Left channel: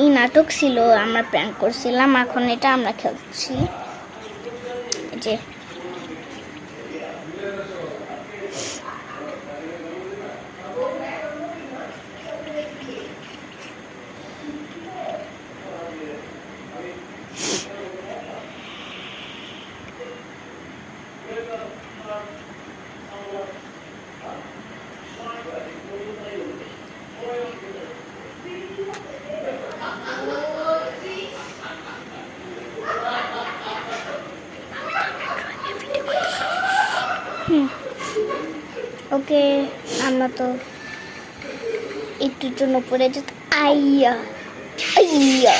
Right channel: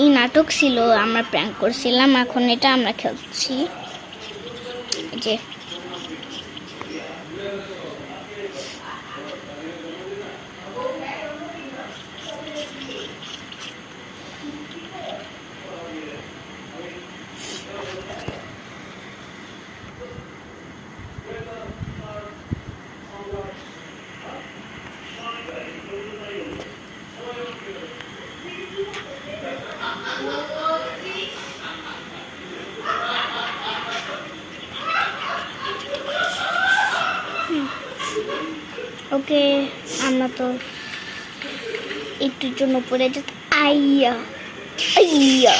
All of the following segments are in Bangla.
এই নাটক ছিল, আমরা প্র্যাঙ্ক করছিলাম, এখন এটা আমরা খেলছি। যে ওকে, আমরা তো একটু জন্য পড়ে যেত। আইয়া আইয়া,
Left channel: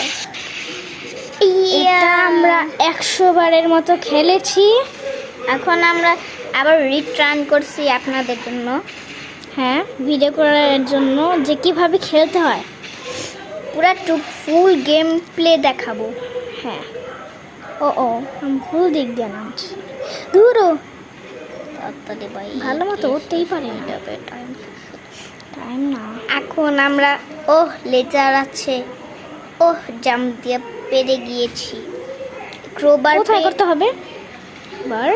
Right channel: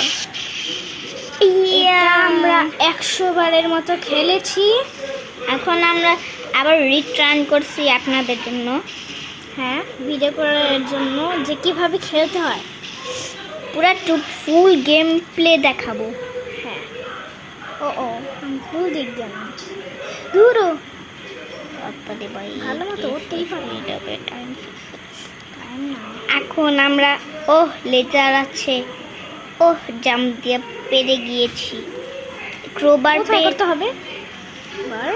এটা আমরা 100 বারের মতো খেলেছি। এখন আমরা আবার রিটার্ন করছি আপনাদের জন্য। হ্যাঁ, ভিডিও করার জন্য যে কিভাবে খেলতে হয়। পুরা ফুল গেম প্লে দেখাবো। হ্যাঁ, ও আমি ফুল দিক দিয়ে নামছি। দূরও ভালো মতো উঠতেই পারে না, টাইম না। এখন আমরা লেজার আছে, জাম্প দিয়ে পেরে গিয়েছি। ক্রোবার কোথায় করতে হবে বার?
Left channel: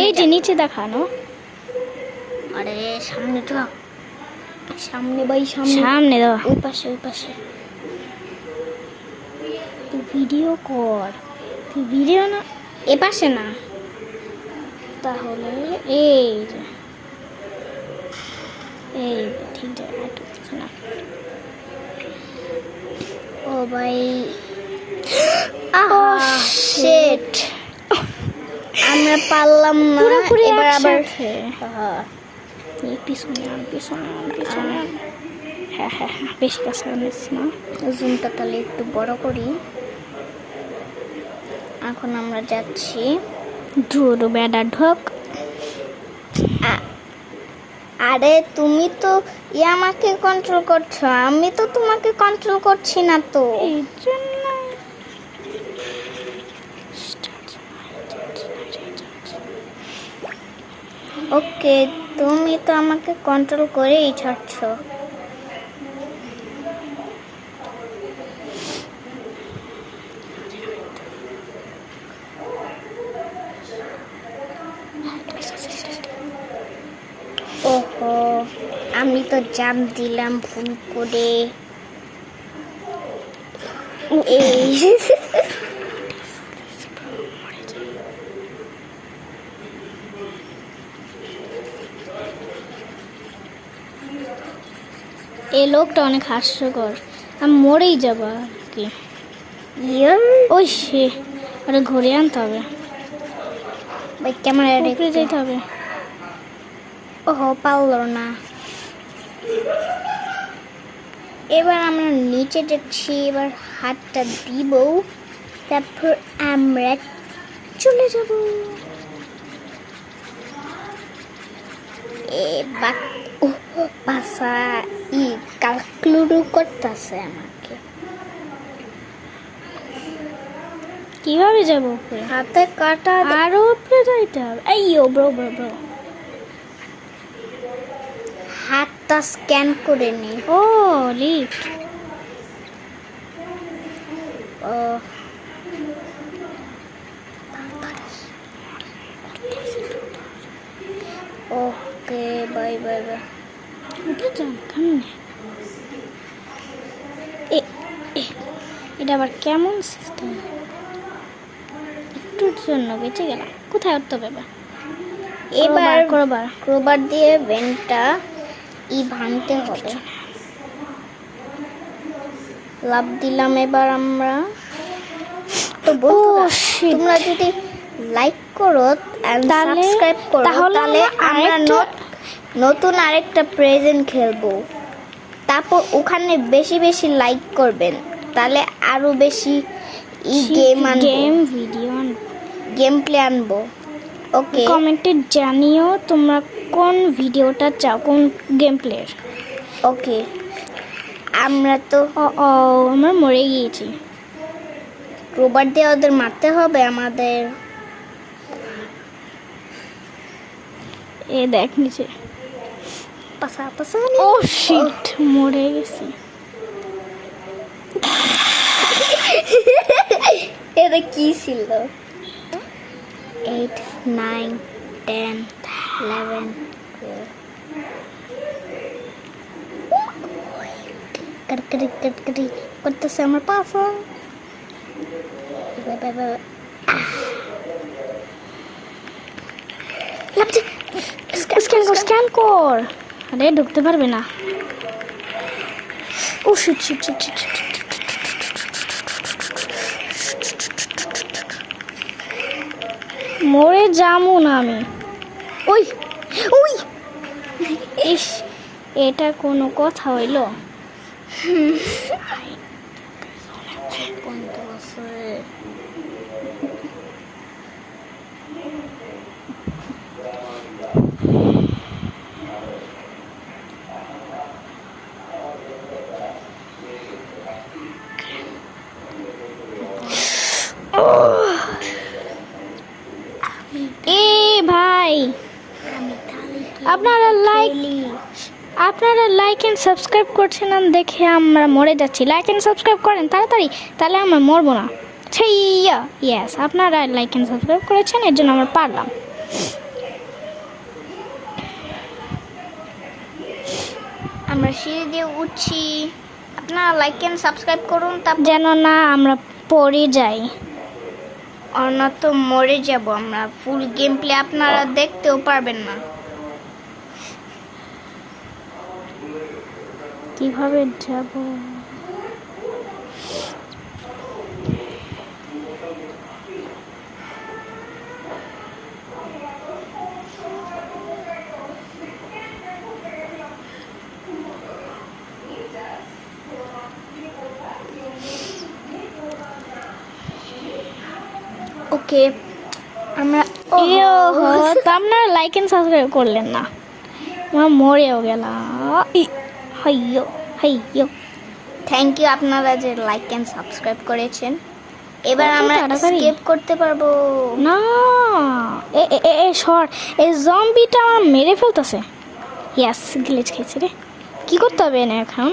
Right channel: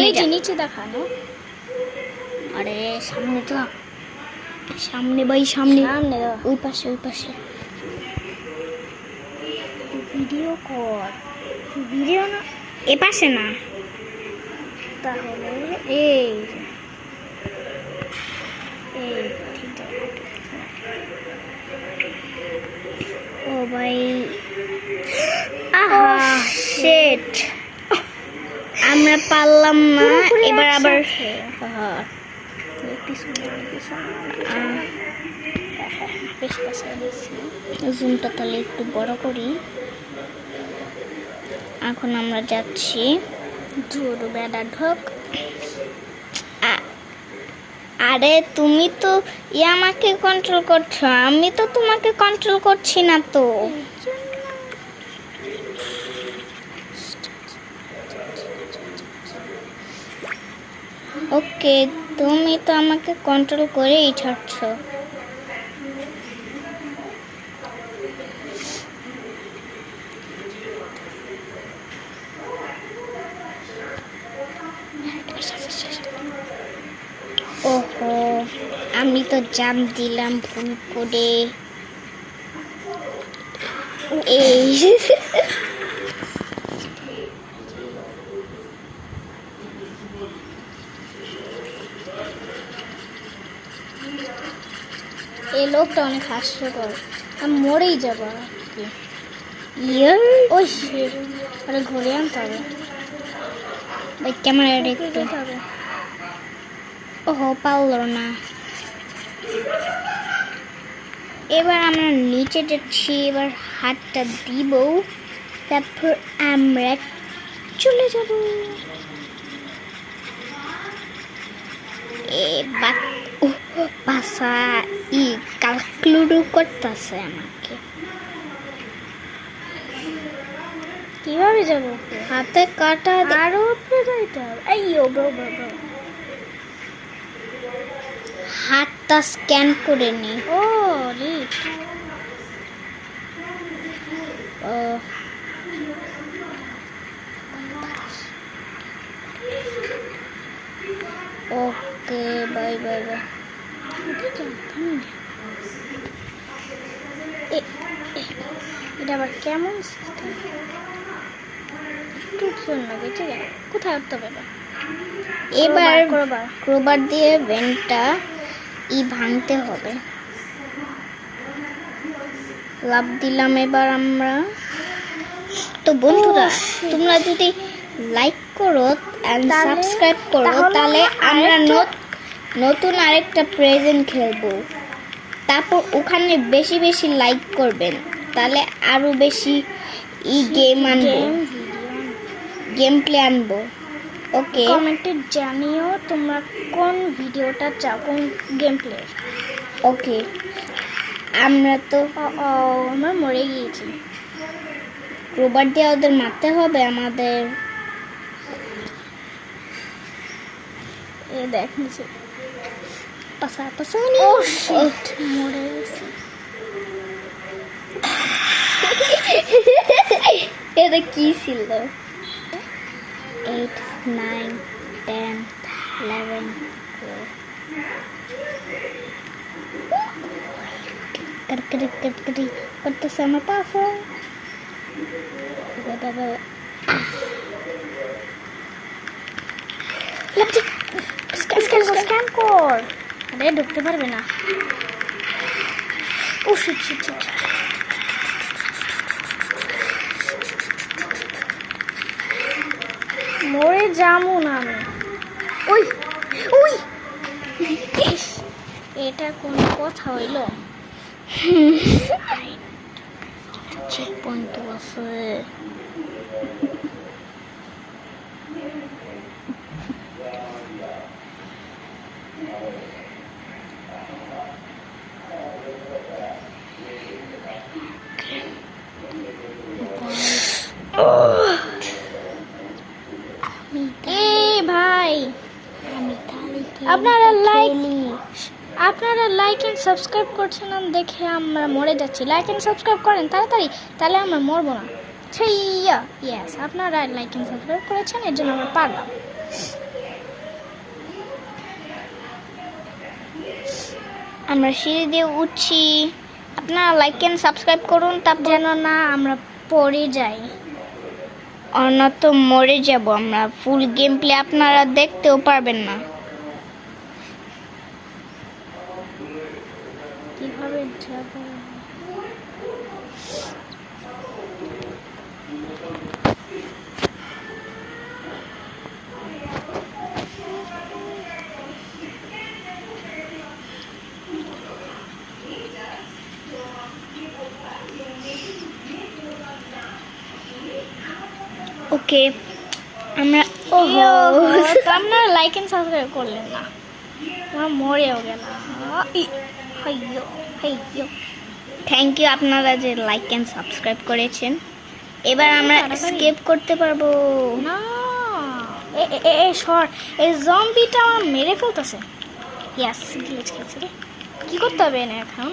এই যে নিচে দেখানো। আরে সামনে তো, সামনে ভাই, সামনে সামনে দাও। ওই পাশে, ওই পাশে। ভিডিও কর, ভিডিও না, এ পাশে না। তাহলে এই যে এই ঠিক জায়গা না। ও ভাই, ও শিট, আমরা পারলাম না। পুরোপুরি এবার আবার একসাথে। এই পিছনে আন, পিছনে আন, পিছনে আন। হ্যাঁ হ্যাঁ হ্যাঁ, বেশ কাছে আনিস না। জুমটা তাহলে একটু বড় করি। এখন আমরা যাচ্ছি। ধুর বেড়া ঢোক। আরে তুমি তো আমাকে কন্ট্রোল করছো, আমি তো তোমাকে কন্ট্রোল করছি না তো। এই জন্য ওকে, তুমি তো আমাকে কন্ট্রোল করেই ছাড়ছো। ওহো, আমি তো জাম দিলাম ভুল করে। এই এই লোকটা অনেক হাস্যকর, আমি মরেই যাবো আর কি। ইয়া, ওই সে আরে ঘুরে আনতে হবে, ক্যামেরা উপরে যেতে হবে। ওহো, পারলো না। এবার আমরা নিচে যাচ্ছি, এবার হাতটা দিব, তারপর আমরা চলে যাব। এবার পাশা ক্যালকুলেটর করতেছে। কিভাবে যাবো উপরে? হাতে কাটা, আরো উপরে যাইতে হবে। এই ও ব্রো ব্রো ব্রো, হাতটা স্ক্যান করে নি। ও লিফট। ওকে, বাই বাই। এটা জানতাম না। এটা আবার কেমন সিস্টেম? একটুর জন্য বেঁচে গেলাম। কোথায় উঠতে হবে? এবার ক্রোবার ক্রোবার দিয়ে ভেন্টটা ভাঙতে হবে। লাভ দিলাম এবার আমরা। তো বন্ধুরা, তোমরা যদি লাইক করো আর সাবস্ক্রাইব করো, তাহলে আমরা নতুন আরেকটা প্রেজেন্ট খেলবো। তারপর ওখানে বেশি বেশি লাইক করবেন, তাহলে আরো বেশি গেম ভিডিও গেম প্লে আনবো। ওকে, কমেন্টে জানিও তোমরা কোন ভিডিওটা চাও, কোন গেম প্লের। ওকে, আমরা তো ও আমরা মরে গিয়েছি। রোবট দিয়ে ওদের মারতে হবে আমাদের। এ দেখ নিচে ও শিট, মরে গেছি। এটা কি ছিল? 8 9 10 11 করতেছে আমার পাসওয়ার্ড। স্ক্যান কর। আরে ঢুকতে পারবে না। ও শিট শিট শিট শিট। মরে যামু না আমি। ওই ওই, ইস, এটা কোনো কথা হইল? পয়েন্ট আছে। এ ভাই, আপনারা লাইক এন্ড সাবস্ক্রাইব করছেন না দেখে আমরা মরে যাচ্ছি। লাইক এন্ড সাবস্ক্রাইব করেন তাড়াতাড়ি, তাহলে আমরা মরবো না। সেইয়া, ইয়েস, আপনারা লাইক এন্ড সাবস্ক্রাইব করেছেন, এর জন্য আমরা পারলাম। আমরা সিঁড়ি দিয়ে উঠছি, আপনারা লাইক এন্ড সাবস্ক্রাইব করুন, যেন না আমরা পড়ে যাই। অন্যত মরে যাব আমরা। ফুল গেম প্লে আপনারা দেখতেও পারবেন না। কিভাবে যাব? ওকে, আমরা আপনারা লাইক এন্ড সাবস্ক্রাইব করলেন না, আমরা মরেও গেলাম। হাইয়ো হাইয়ো। থ্যাংক ইউ আপনারা যে লাইক এন্ড সাবস্ক্রাইব করেছেন। এবার কত আমরা তাড়াতাড়ি। স্কিপ করতে পারবো। না, এই জম্বিটা আমার মেরে ফেলতেছে। ইয়াস, গ্লিচ খেয়েছে রে। কি করতে হবে না এখন?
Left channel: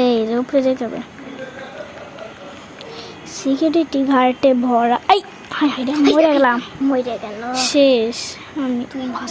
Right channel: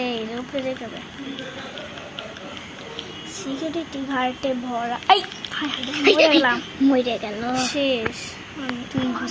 এই উপরে যেতে হবে। সিকিউরিটি ঘাটে ভরা। এই হাই হাই, মরে গেলাম। মরে গেল। শেষ আমি। বাস